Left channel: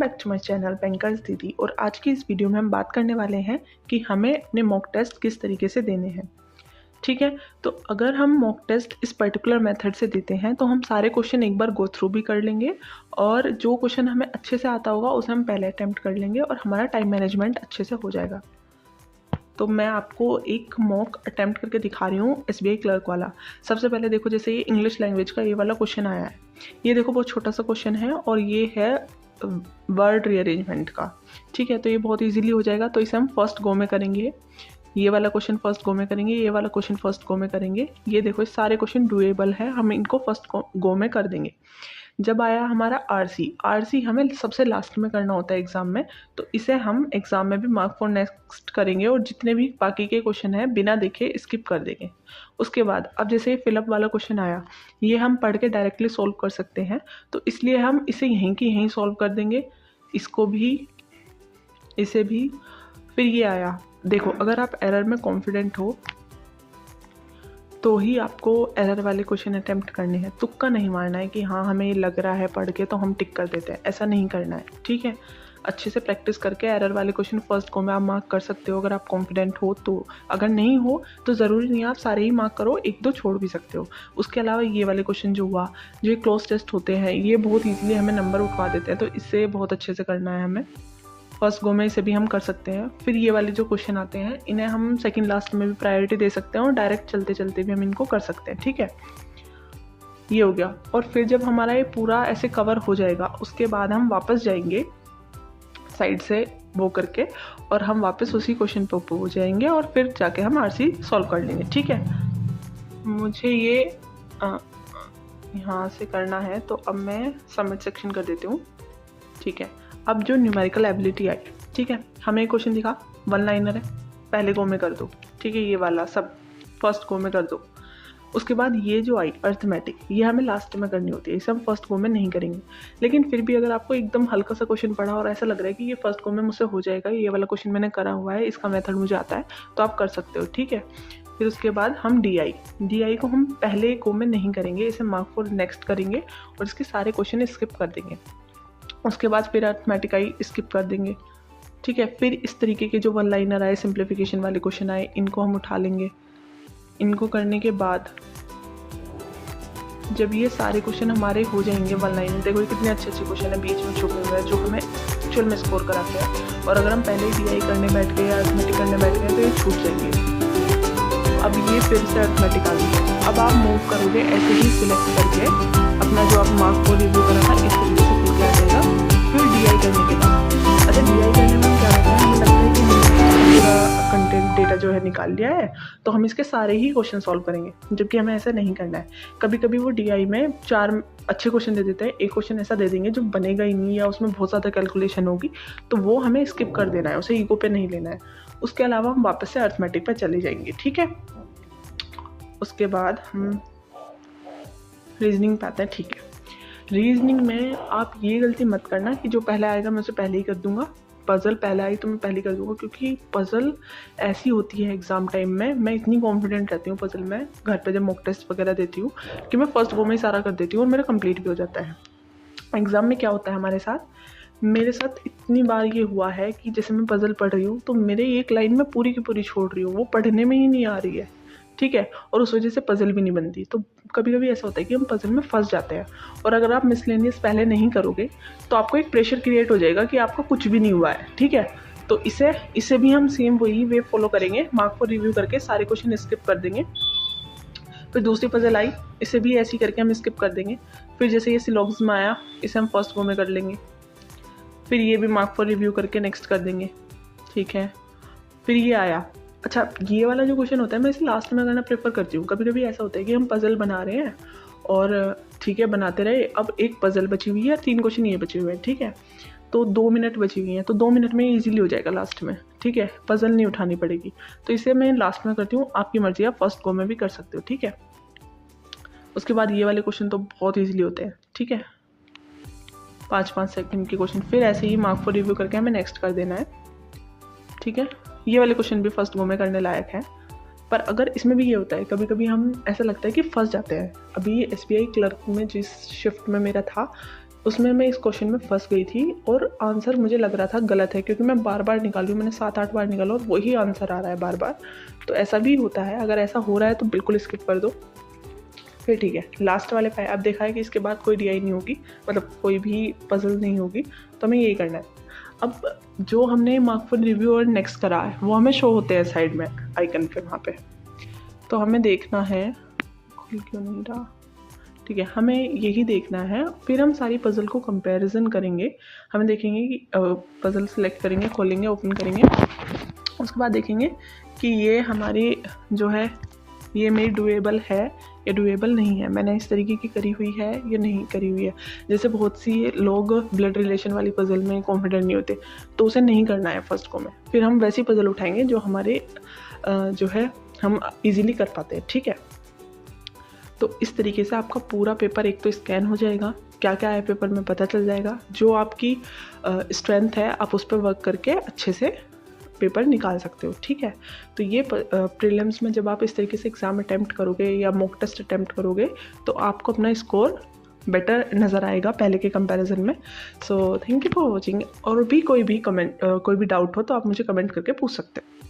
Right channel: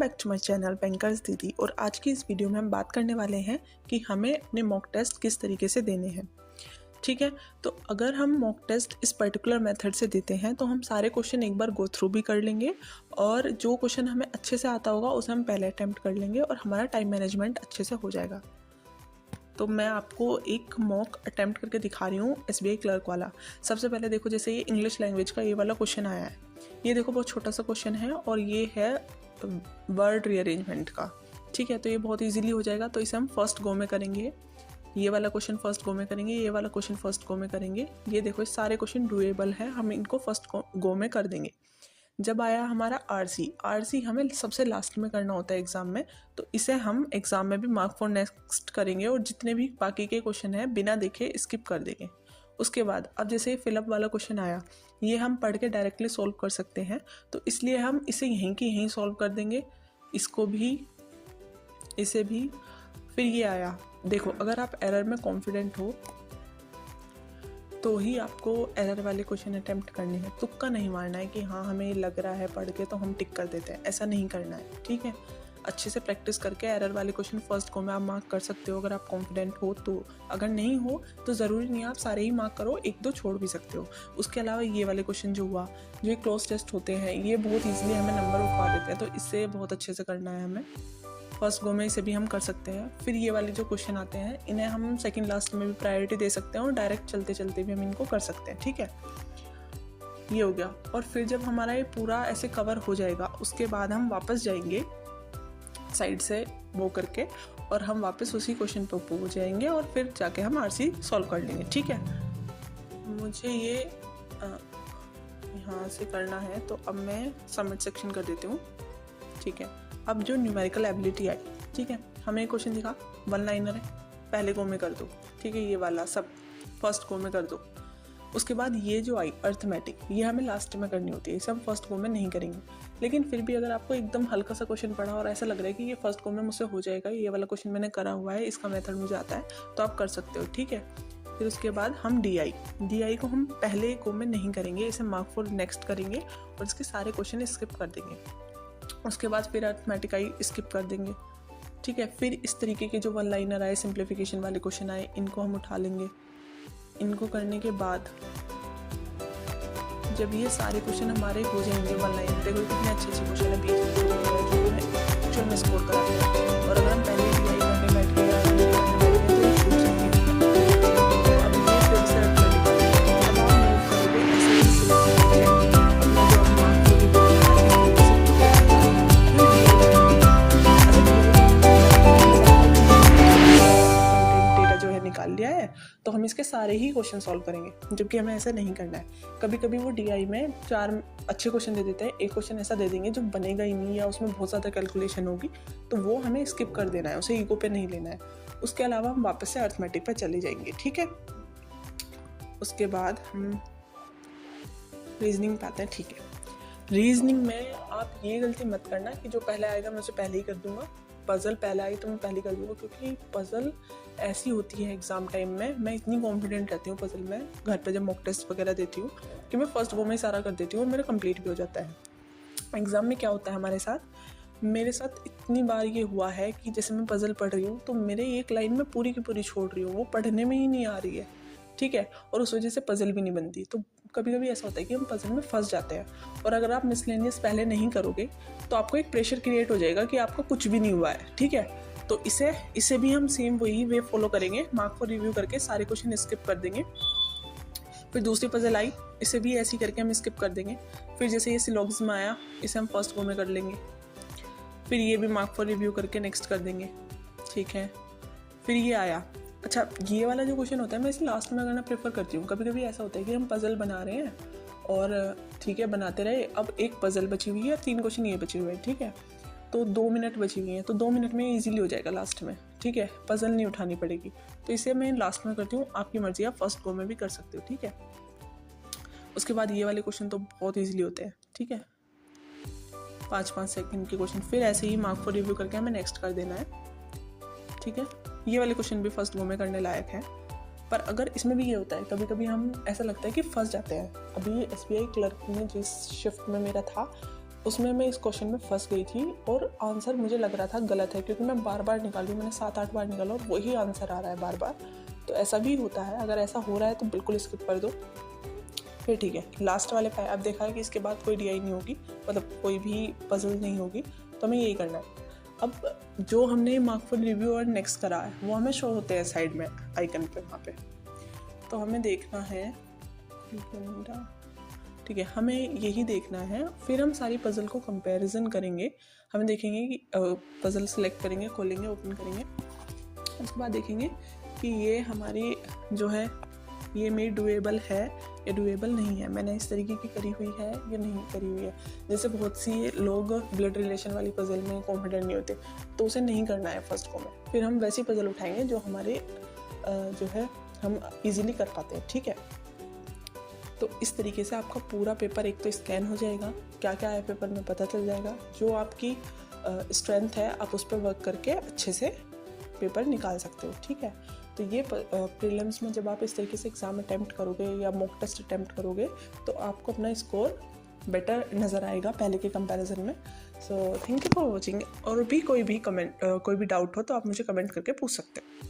Back to my channel bankers Didi. और आज की इस वीडियो में हम बात करने वाले हैं कि हमें अपने मॉक टेस्ट किस तरीके से देने हैं। ठीक है, तो अगर हम मॉक टेस्ट इस पर्टिकुलर मेथड से देते हैं तो हम सारे क्वेश्चन एक बार गो थ्रू भी कर लेंगे और जो क्वेश्चन हमें अच्छे से आता होगा उसे हम पहले अटैम्प्ट कर लेंगे और हमारा टाइम मैनेजमेंट अच्छे से हो जाएगा। तो मैं आपको एक मॉक अटैम्प्ट करके दिखा रही हूँ SBI क्लर्क वाला। सबसे पहले देखो, जैसे ये इंग्लिश लैंग्वेज का ये वाला क्वेश्चन आया है, ये देखो बहुत छोटा सा क्वेश्चन है और ये है वर्ड रीअरेंजमेंट का। ठीक है, तो ये बहुत इजीली हो जाएगा। तो इसे हम फर्स्ट गो में करेंगे, ये वाला क्वेश्चन फर्स्ट गो में करेंगे, ये वाला क्वेश्चन फर्स्ट गो में करेंगे। ये देखो, ये सारे क्वेश्चन डुएबल है, हम इनको फर्स्ट गो में कर देंगे। जब आया हमारा आरसी हमें सबसे लास्ट में करना होता है एग्ज़ाम में, तो इसे हम एग्ज़ाम में भी मार्क फॉर नेक्स्ट करेंगे और जितने भी बाकी के क्वेश्चन हैं बिना देखे स्किप कर देंगे। उसके बाद अब जैसे फिलअप वाला क्वेश्चन आया, ये हम पढ़ के डायरेक्टली सॉल्व कर सकते हैं, तो इसलिए हम इसे यहीं की यहीं सॉल्व कर देंगे, इसको भी, इसे भी। फिर ये आया, देखो अगर आप एरर में कॉन्फिडेंट हो तो ही आपको एरर वाले क्वेश्चन अटेम्प्ट करने हैं। तुक्का नहीं मारना है कि हाँ हमें लग रहा है पढ़ के तो हम टिक कर देते हैं, ऐसा नहीं करना है। ठीक है, अच्छे से प्रैक्टिस करके एरर वाले क्वेश्चन फर्स्ट गो में आप मार्क कर सकते हो अगर आप कॉन्फिडेंट हो तो। अगर नहीं हो तो ज़रूरी नहीं आप सारे ही मार्क करो, एक दो छोड़ भी सकते हो। उसके अलावा ये वाले क्वेश्चन जो हुआ, जो क्लोज टेस्ट होते हैं, ये बहुत ईजिली हमें नंबर उठवा देते हैं, तो इससे बहुत अच्छे से करना है हमें। फर्स्ट गो में इसे भी हम कर सकते हैं। फिर ये वाले जो क्वेश्चन आते हैं इन्हें हम सेकंड लास्ट में भी प्रायोरिटी दे सकते हैं और डायरेक्ट चलते चलते भी हम इनको कर सकते हैं। ठीक है, ये हो गया। और फिर जब हमारा ये पूरा ऐसे कवर हो जाएगा उसके बाद हम वापस जाएंगे साइड से वो करके और हम वापस उसी क्वेश्चन पे हो जाएंगे और फिर जाके हम आरसी सॉल्व कर लेंगे। ठीक है, मुझे ये यहाँ से करना है तो अब मैं सबमिट सेक्शन कर देती हूँ। ठीक है, अब जो न्यूमेरिकल एबिलिटी आई, ठीक है, हमें क्वेश्चन दिखा, वन लाइनर है, पहले गो में कर दो। ठीक है, ये वाला सब फर्स्ट गो में कर दो। उसके बाद ये जो आई अर्थमेटिक, ये हमें लास्ट में करनी होती है, इसे हम फर्स्ट गो में नहीं करेंगे। लेकिन फिर भी अगर आपको एकदम हल्का सा क्वेश्चन पढ़ा और ऐसा लग रहा है कि ये फर्स्ट गो में मुझसे हो जाएगा, ये वाला क्वेश्चन मैंने करा हुआ है, इसका मेथड मुझे आता है, तो आप कर सकते हो। ठीक है, फिर उसके बाद हम डी को हम पहले गो में नहीं करेंगे, इसे मार्क फॉर नेक्स्ट करेंगे और इसके सारे क्वेश्चन स्किप कर देंगे। उसके बाद फिर अर्थमेटिक आई, स्किप कर देंगे। ठीक है, फिर इस तरीके के जो वन लाइनर आए, सिंप्लीफिकेशन वाले क्वेश्चन आए, इनको हम उठा लेंगे। इनको करने के बाद जब ये सारे क्वेश्चन हमारे हो जाएंगे वन लाइनर, देखो कितने अच्छे अच्छे क्वेश्चन है बीच में जो हमें एक्चुअल में स्कोर कराते हैं। और अगर हम पहले ही करने बैठ गए या अर्थमेटिक करने बैठ गए तो ये छूट जाएंगे। अब ये फिर से अर्थमेटिक, अब आप मूव करोगे ऐसे ही सिलेक्ट करके अपना जो आप मार्क को निकाल लिया है, तो हम इसके सारे ही क्वेश्चन सॉल्व करेंगे, जबकि हमें ऐसा नहीं करना है। कभी कभी वो DI में 4 अच्छे क्वेश्चन दे देते हैं, एक क्वेश्चन ऐसा दे देंगे जो बनेगा ही नहीं या उसमें बहुत ज़्यादा कैलकुलेशन होगी, तो वो हमें स्किप कर देना है, उसे ईगो पे नहीं लेना है। उसके अलावा हम वापस से अर्थमेटिक पे चले जाएंगे। ठीक है, उसके बाद हम रीजनिंग पे आते हैं। ठीक है, रीजनिंग में आप ये गलती मत करना कि जो पहले आएगा मैं उसे पहले ही कर दूंगा, पज़ल पहले आई तो मैं पहले कर दूंगा, क्योंकि पज़ल ऐसी होती है एग्ज़ाम टाइम में, मैं इतनी कॉन्फिडेंट रहती हूँ पज़ल में घर पे जब मॉक टेस्ट वगैरह देती हूँ कि मैं फर्स्ट गो में ही सारा कर देती हूँ और मेरा कंप्लीट भी हो जाता है। एग्ज़ाम में क्या होता है हमारे साथ, मेरे साथ इतनी बार ये हुआ है कि जैसे मैं पज़ल पढ़ रही हूँ तो मेरे एक लाइन में पूरी की पूरी छोड़ रही हूँ, वो पढ़ने में ही नहीं आ रही है। ठीक है, और उस वजह से पज़ल भी नहीं बनती। तो कभी कभी ऐसा होता है कि हम पज़ल में फंस जाते हैं, और अगर आप मिसलेनियस पहले नहीं करोगे तो आपको एक प्रेशर क्रिएट हो जाएगा कि आपको कुछ भी नहीं हुआ है। ठीक है, तो इसे भी हम सेम वही वे फॉलो करेंगे, मार्क फॉर रिव्यू करके सारे क्वेश्चन स्किप कर देंगे। फिर दूसरी पज़ल आई, इसे भी ऐसे ही करके हम स्किप कर देंगे। फिर जैसे ये सिलोगिज्म आया, इसे हम फर्स्ट गो में कर लेंगे। फिर ये भी मार्क फॉर रिव्यू करके नेक्स्ट कर देंगे। ठीक है, फिर ये आया, अच्छा ये वाला जो क्वेश्चन होता है मैं इसे लास्ट में करना प्रेफर करती हूँ। कभी कभी ऐसा होता है कि हम पज़ल बना रहे हैं और ठीक है बनाते रहे, अब एक पज़ल बची हुई है, 3 क्वेश्चन ये बचे हुए हैं। ठीक है, तो 2 मिनट बची हुई हैं, तो 2 मिनट में ईजिली हो जाएगा लास्ट में। ठीक है, पज़ल नहीं उठानी पड़ेगी, तो इसे मैं लास्ट में करती हूँ। आपकी मर्जी, आप फर्स्ट गो में भी कर सकते हो। ठीक है, उसके बाद ये वाले क्वेश्चन तो बहुत ईजिली होते हैं। ठीक है, 5-5 सेकंड के क्वेश्चन, फिर ऐसे ही मार्क फॉर रिव्यू करके हमें नेक्स्ट कर देना है। ठीक है, ये वाले क्वेश्चन भी फर्स्ट गो में करने लायक है। पर अगर इसमें भी ये होता है, कभी कभी हम ऐसा लगता है कि फंस जाते हैं। अभी SBI क्लर्क में जिस शिफ्ट में मेरा था उसमें मैं इस क्वेश्चन में फंस गई थी और आंसर मुझे लग रहा था गलत है, क्योंकि मैं बार बार निकाली, मैंने 7-8 बार निकाला और वही आंसर आ रहा है बार बार। तो ऐसा भी होता है, अगर ऐसा हो रहा है तो बिल्कुल स्किप कर दो। फिर ठीक है, लास्ट वाले 5 अब देखा है कि इसके बाद कोई DI नहीं होगी, मतलब कोई भी पजल नहीं होगी, तो हमें यही करना है। अब जो हमने मार्क फॉर रिव्यू और नेक्स्ट करा है वो हमें शो होते हैं साइड में आइकन पे वहाँ पे। तो हमें देखना है, क्यों नहीं रहा, ठीक है, हमें यही देखना है। फिर हम सारी पज़ल को कंपैरिजन करेंगे। हमें देखेंगे कि पज़ल सेलेक्ट करेंगे, खोलेंगे, ओपन करेंगे, उसके बाद देखेंगे कि ये हमारी जो है ये मेरी डुएबल है या डुएबल नहीं है, मैंने इस तरीके की करी हुई है या नहीं करी हुई है। जैसे बहुत सी लोग ब्लड रिलेशन वाली पज़ल में कॉन्फिडेंट नहीं होते, तो उसे नहीं करना है फर्स्ट को में। फिर हम वैसी पज़ल उठाएंगे जो हमारे जो है हम इजीली कर पाते हैं, ठीक है। तो इस तरीके से आपका पूरा पेपर एक तो स्कैन हो जाएगा, क्या क्या है पेपर में पता चल जाएगा, जो आपकी स्ट्रेंथ है आप उस पर वर्क करके अच्छे से पेपर निकाल सकते हो, ठीक है। तो ये प्रीलिम्स में जब आप इस तरीके से एग्ज़ाम अटैम्प्ट करोगे या मॉक टेस्ट अटैम्प्ट करोगे तो आपको अपना स्कोर बेटर नज़र आएगा पहले के कंपैरिजन में। So thank you for watching. और भी कोई भी कमेंट कोई भी डाउट हो तो आप मुझे कमेंट करके पूछ सकते हो।